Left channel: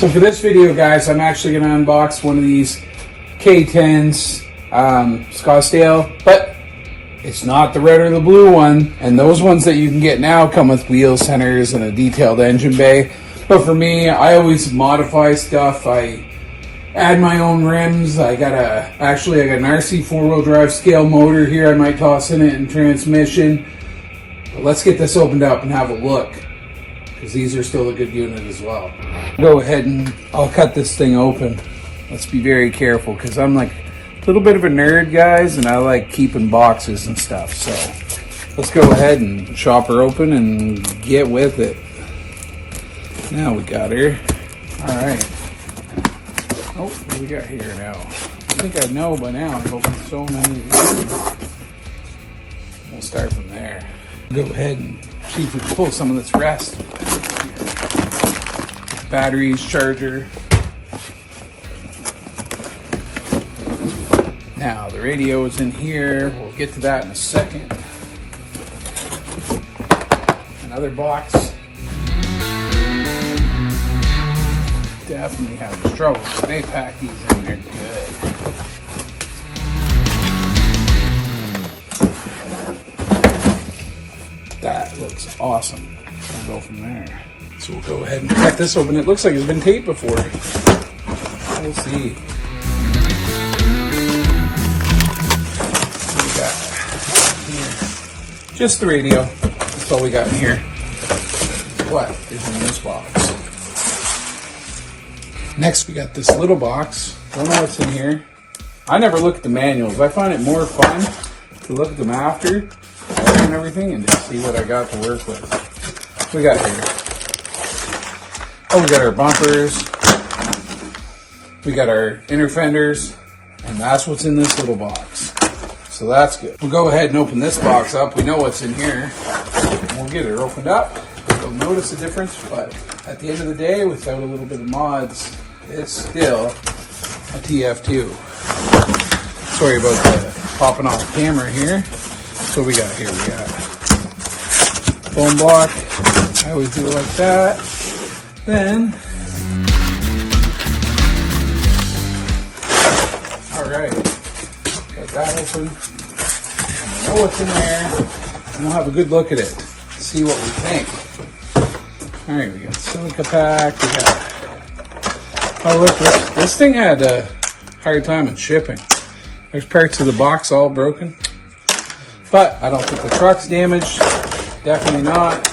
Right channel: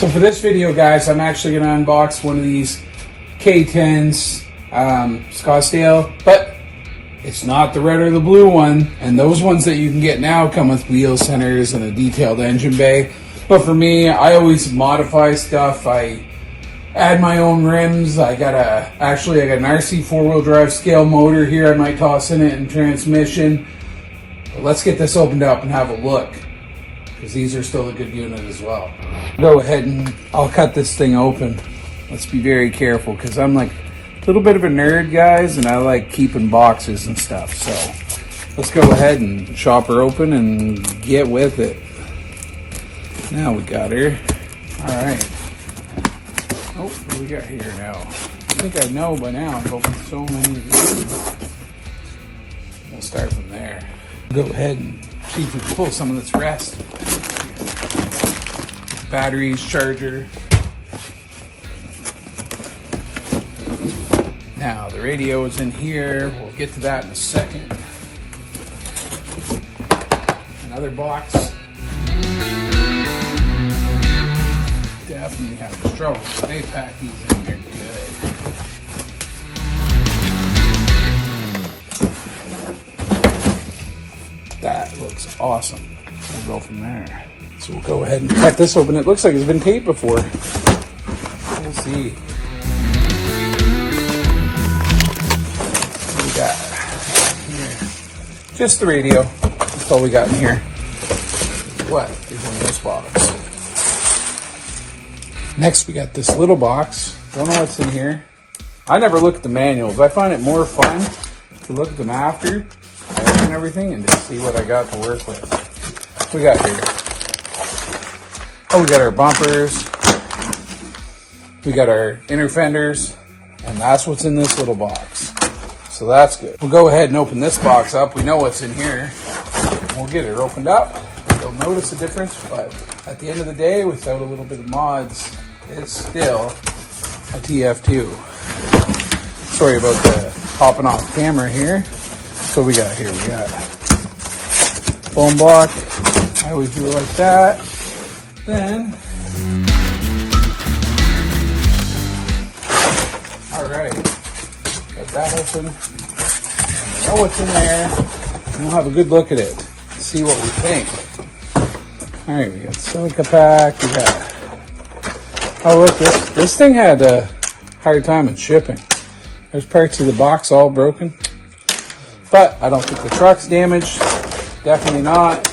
So for this video, guys, I'm actually going to unbox one of these K10s, Scottsdale, but it's not the red or the blue one. And those ones that you can get now come with wheel centers and a detailed engine bay. But for me, I always modify stuff. I add my own rims. I got an RC4WD drive scale motor here. I might toss in it and transmission. But let's get this opened up and have a look, because these are still a good unit as well. Go ahead and I'll cut this thing open. Let's be very careful, because I'm like a little bit of a nerd, guys, and I like keeping boxes and stuff. So let's go ahead and chop her open and get with it. Now we got her. All right. Oh, what do we got here now? I think I know by now. I've opened so many of these. We'll start from there. Go ahead and see if we can pull some of this rest. Batteries, charger. Now the radio is in here. We'll get to that in a second. Another box. Definitely having trouble. They pack these in there good. That looks awesome. We'll go from there. So we'll go ahead and cut this open. It looks like it's been taped before. We'll see. What we got here? Just the radio. That's all we got in here. What is in this box? Next, we got this little box. Don't know what's in here. I never look at the manuals. I find it more fun to look at them after and everything and just see what I got to work with. What we got here? Oh, we got our bumpers. We got our inner fenders, and that's what's in this little box. So that's good. We'll go ahead and open this box up. We know what's in here. We'll get it opened up. You'll notice the difference, but at the end of the day, without a little bit of mods, it's still a TF2. Sorry about the popping off camera here. So we got here, we got foam block. I always do it like that. Then, all right, got that open. Know what's in there, and we'll have a good look at it. See what we think. All right, we got silica pack. We got. Oh look, this thing had a hard time in shipping. There's parts of the box all broken, but I don't think the truck's damaged. Definitely not.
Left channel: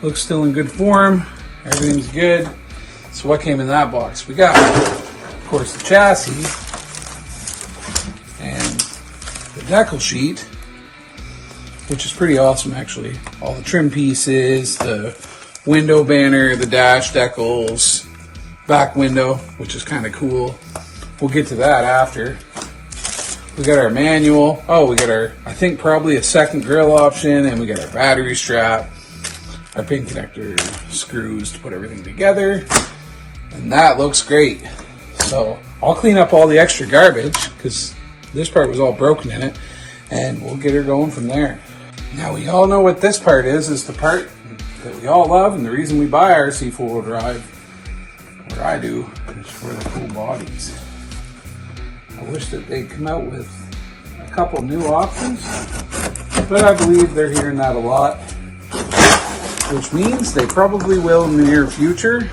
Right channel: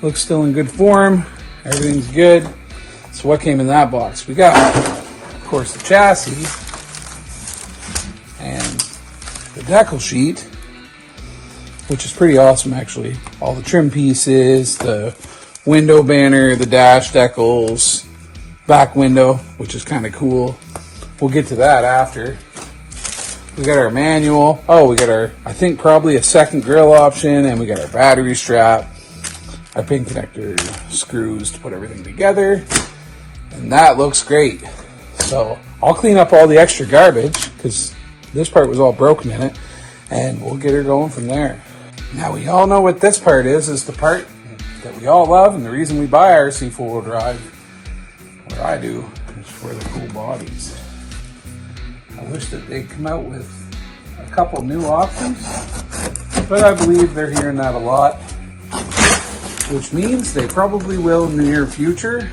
Looks still in good form. Everything's good. So what came in that box? We got, of course, the chassis and the decal sheet, which is pretty awesome actually. All the trim pieces, the window banner, the dash decals, back window, which is kind of cool. We'll get to that after. We got our manual. Oh, we got our, I think probably a second grill option, and we got our battery strap, our pin connector screws to put everything together, and that looks great. So I'll clean up all the extra garbage, because this part was all broken in it, and we'll get her going from there. Now we all know what this part is the part that we all love, and the reason we buy RC4WD drive, or I do, is for the cool bodies. I wish that they'd come out with a couple new options, but I believe they're hearing that a lot, which means they probably will in the near future.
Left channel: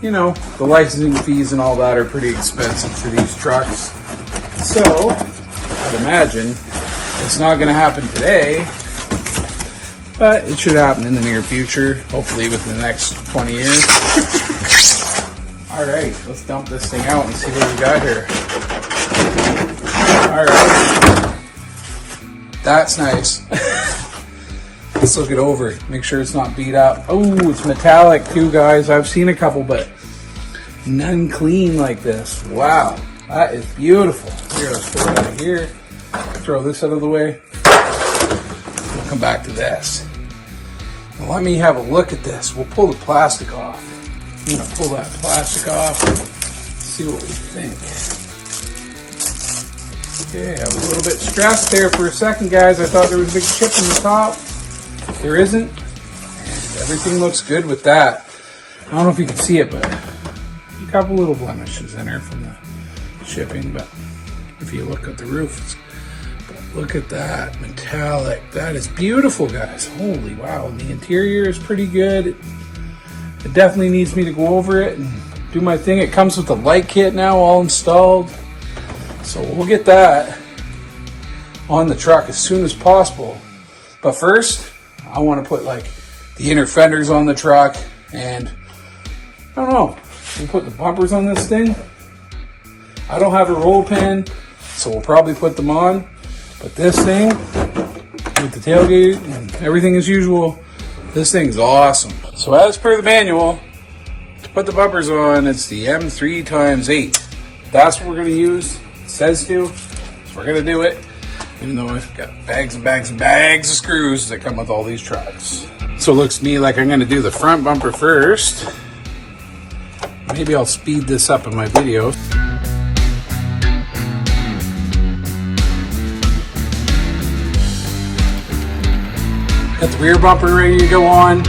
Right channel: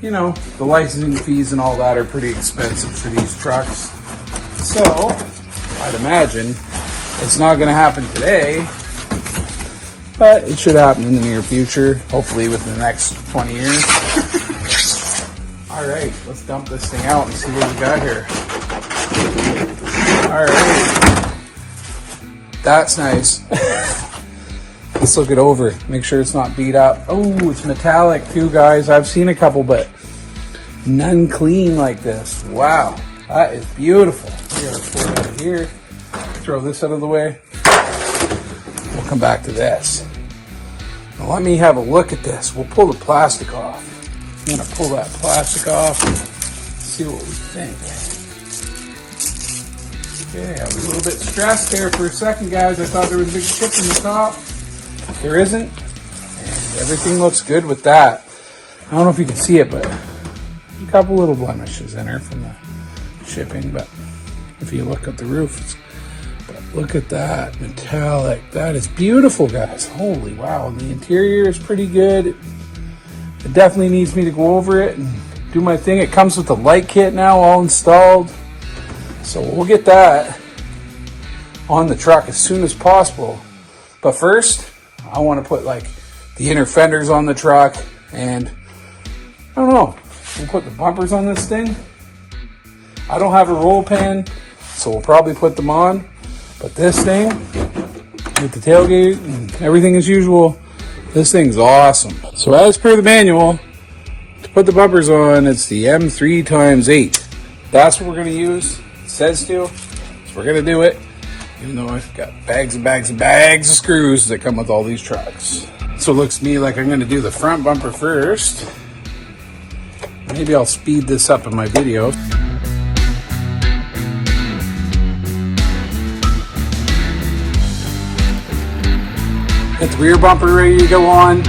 You know, the licensing fees and all that are pretty expensive for these trucks. So, I'd imagine it's not going to happen today, but it should happen in the near future, hopefully within the next 20 years. All right, let's dump this thing out and see what we got here. All right, that's nice. Let's look it over, make sure it's not beat up. Oh, it's metallic too, guys. I've seen a couple, but none clean like this. Wow, that is beautiful. Here, let's pull it out of here. Throw this out of the way. We'll come back to this. Now let me have a look at this. We'll pull the plastic off. I'm gonna pull that plastic off, see what we think. Okay, I was a little bit stressed there for a second, guys. I thought there was a big chip in the top. There isn't. And everything looks good with that. I don't know if you can see it, but a couple little blemishes in there from the shipping. But if you look at the roof, look at that metallic. That is beautiful, guys. Holy wow. And the interior is pretty good. It definitely needs me to go over it and do my thing. It comes with the light kit now all installed. So we'll get that on the truck as soon as possible. But first, I want to put like the inner fenders on the truck, and I don't know, we'll put the bumpers on this thing. I don't have a roll pin, so we'll probably put them on. But this thing, with the tailgate and everything as usual, this thing's awesome. So as per the manual, to put the bumpers on, it's the M3x8. That's what we're going to use. It says to. We're going to do it. Even though I've got bags and bags and bags of screws that come with all these trucks. So it looks to me like I'm going to do the front bumper first. Maybe I'll speed this up in my video. Got the rear bumper ready to go on.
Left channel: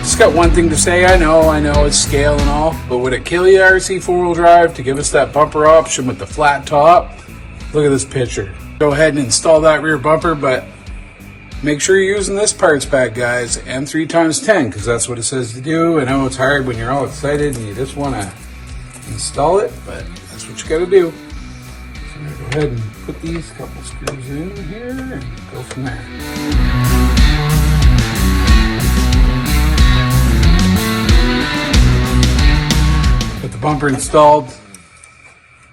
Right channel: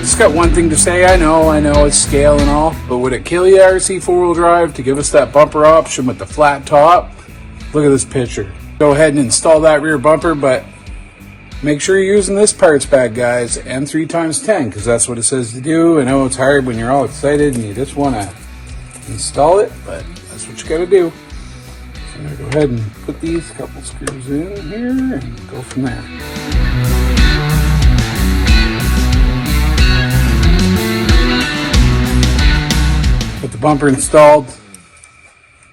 Just got one thing to say. I know it's scale and all, but would it kill you, RC4WD drive, to give us that bumper option with the flat top? Look at this picture. Go ahead and install that rear bumper, but make sure you're using this parts bag, guys, M3x10, because that's what it says to do. I know it's hard when you're all excited and you just want to install it, but that's what you got to do. So go ahead and put these couple screws in here and go from there. Put the bumper installed.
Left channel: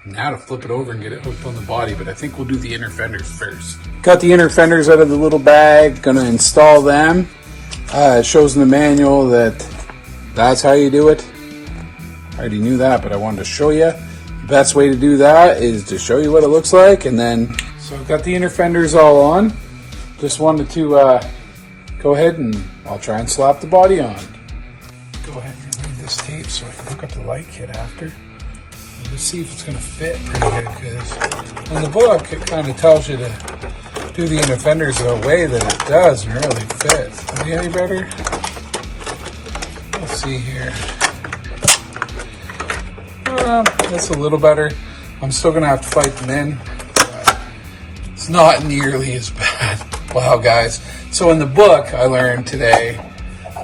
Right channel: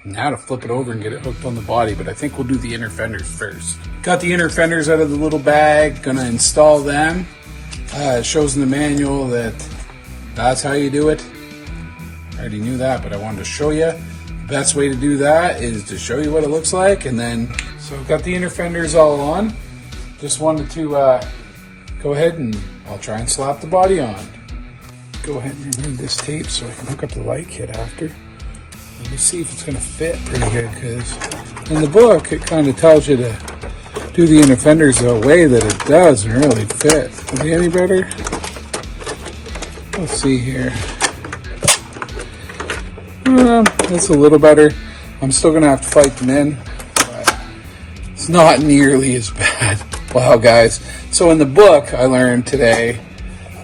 Now to flip it over and get it hooked on the body, but I think we'll do the inner fenders first. Got the inner fenders out of the little bag, gonna install them. It shows in the manual that that's how you do it. I already knew that, but I wanted to show you. The best way to do that is to show you what it looks like, and then, so I've got the inner fenders all on. Just wanted to go ahead and I'll try and slap the body on. Go ahead and remove this tape so I can hook up the light kit after. Let's see if it's going to fit pretty good, because in the book it kind of tells you to do the inner fenders the way that it doesn't really fit. Is it any better? Let's see here. Yeah, it's a little better. I'm still going to have to fight them in, but it's not nearly as bad. Wow, guys. So in the book I learned today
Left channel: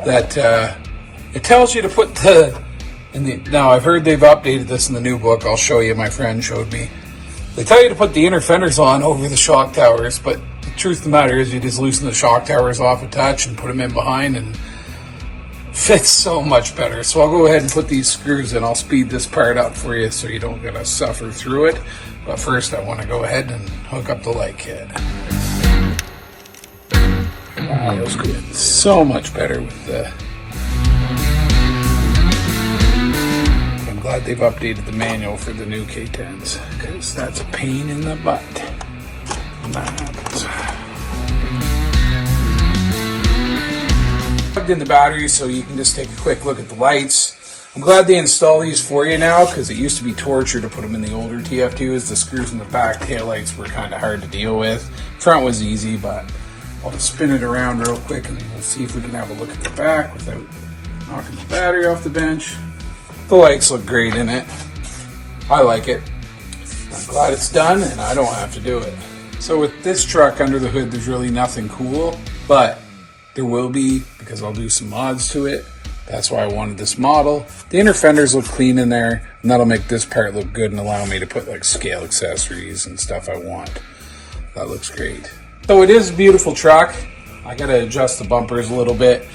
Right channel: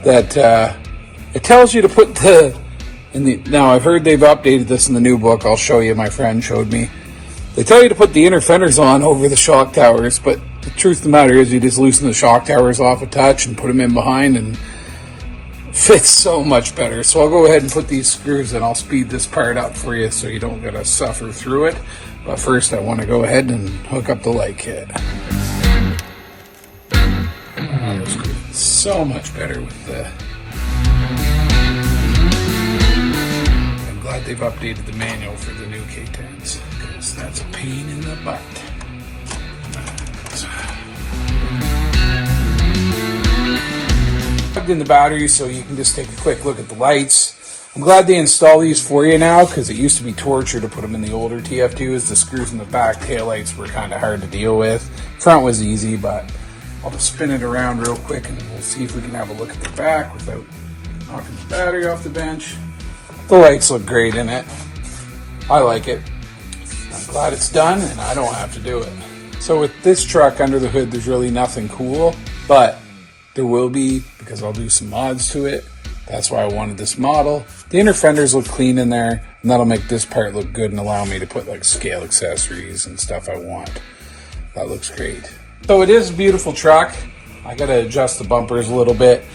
that it tells you to put now I've heard they've updated this in the new book. I'll show you. My friend showed me. They tell you to put the inner fenders on over the shock towers, but the truth of the matter is you just loosen the shock towers off a touch and put them in behind, and it fits so much better. So I'll go ahead and put these screws in. I'll speed this part up for you so you don't got to suffer through it. But first I want to go ahead and hook up the light kit. That was good. So much better with the... Glad they've updated the manual for the new K10s, because that's a pain in the butt. Plugged in the battery so you can just take a quick look at the lights. I'm glad they install these for you now, because it used to be torture to put them in the older TF2s. The screws in the back taillights were kind of hard to deal with. Front was easy, but I'll spin it around real quick and we'll see if we can have a look at the back without knocking the battery off the bench. The lights look great in it. I like it. I'm glad it's done and I don't have to do it. So with this truck under the hood, there's really nothing cool, but there will be, because I'll do some mods to it. That's why I wanted this model. The inner fenders look clean in there, and that'll make this part look good and allow me to put like scale accessories and stuff I want. That looks great. So it is a beautiful truck. I gotta adjust the bumpers a little bit.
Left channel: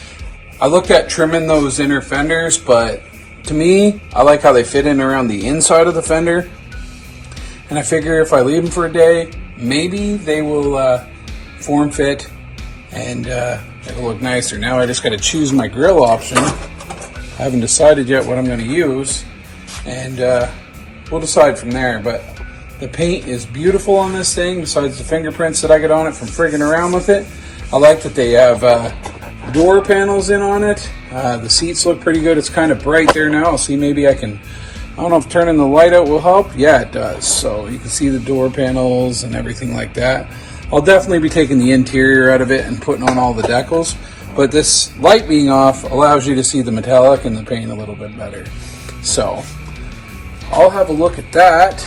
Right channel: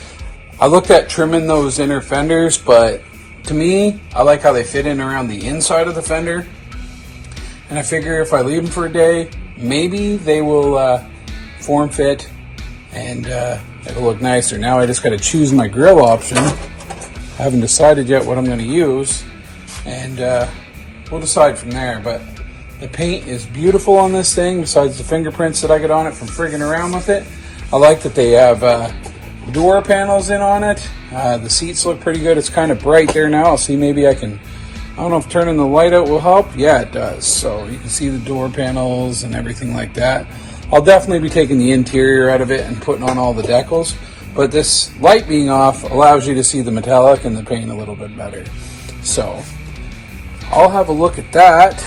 I looked at trimming those inner fenders, but to me, I like how they fit in around the inside of the fender. And I figure if I leave them for a day, maybe they will form fit and it'll look nicer. Now I just got to choose my grill option. I haven't decided yet what I'm going to use, and we'll decide from there. But the paint is beautiful on this thing, besides the fingerprints that I get on it from frigging around with it. I like that they have door panels in on it. The seats look pretty good. It's kind of bright there now. I'll see, maybe I don't know if turning the light out will help. Yeah, it does. So you can see the door panels and everything like that. I'll definitely be taking the interior out of it and putting on all the decals. but this light being off allows you to see the metallic and the paint a little bit better. So I'll have a look at that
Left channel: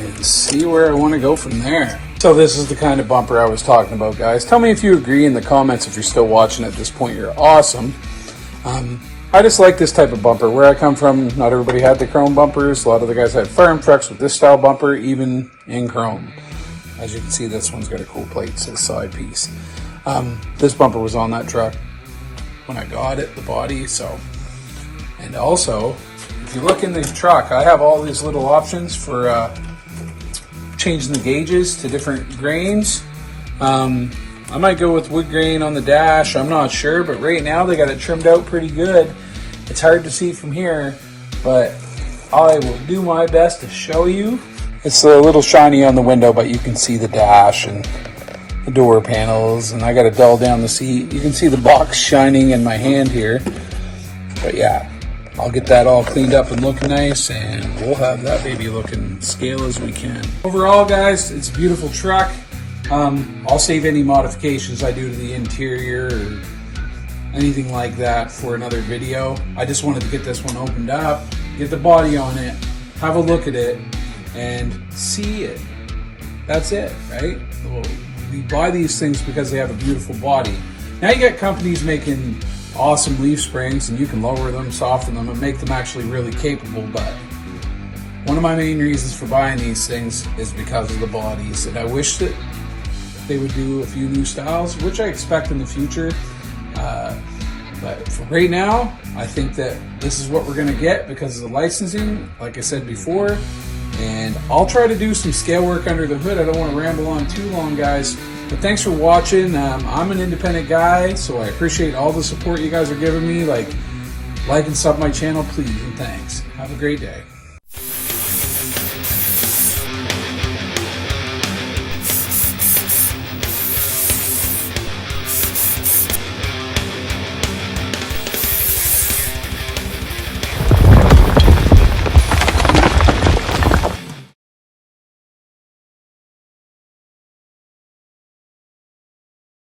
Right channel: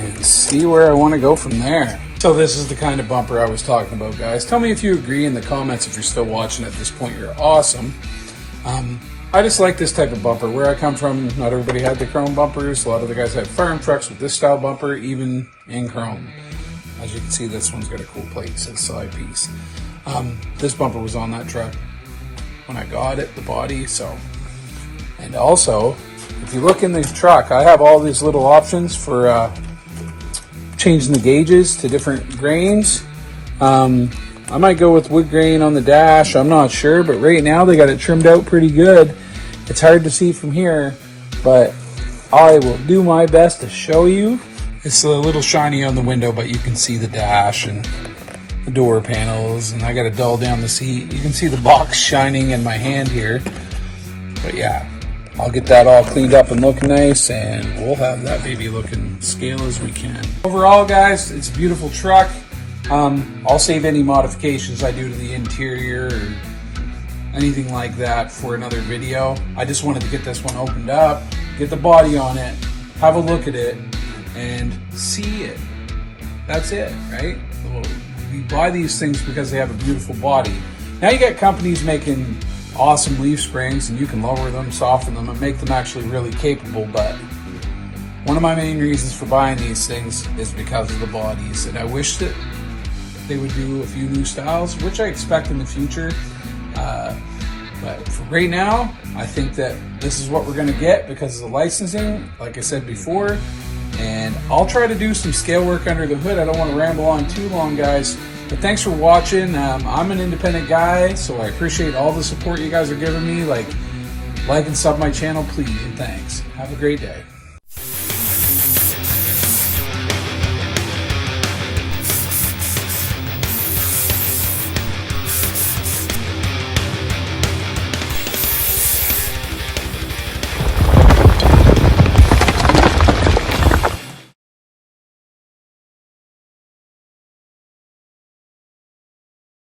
and see where I want to go from there. So this is the kind of bumper I was talking about, guys. Tell me if you agree in the comments. If you're still watching at this point, you're awesome. I just like this type of bumper. Where I come from, not everybody had the chrome bumpers. A lot of the guys had farm trucks with this style bumper, even in chrome. As you can see, this one's got a cool plate, it says side piece. This bumper was on that truck when I got it, the body. So, and also, if you look in this truck, I have all these little options for changing the gauges to different grains. I might go with wood grain on the dash, I'm not sure, but right now they got it trimmed out pretty good. It's hard to see from here, but I will do my best to show you. It's a little shiny on the window, but you can see the dash and the door panels, and I got to dull down the seat. You can see the box shining in my hand here. But yeah, I'll get that all cleaned up and looking nice, and we'll have that baby looking scale as we can. Overall, guys, it's a beautiful truck. I'll save any modifications I do to the interior or anything like that for another video. I just wanted to get this one opened up, get the body on it, have a look at it, and see it. That's it, right? We buy these things because they have a beautiful body. Now you got companies making awesome leaf springs, and you can lower them, soften them, and make them actually really capable, but one of my main reasons for buying these things is because of the bodies, and I wish that they would do a few new styles, which I expect in the future. But for right now, I think that this is what we're gonna get because of the licensing, like I said before. And I'll try to do some scale work under the hood. I don't want to ramble on too long, guys. But thanks for watching. I'm an independent guy, so I appreciate all the support you guys are giving me. Like and sub my channel, please, and thanks. Have a great day.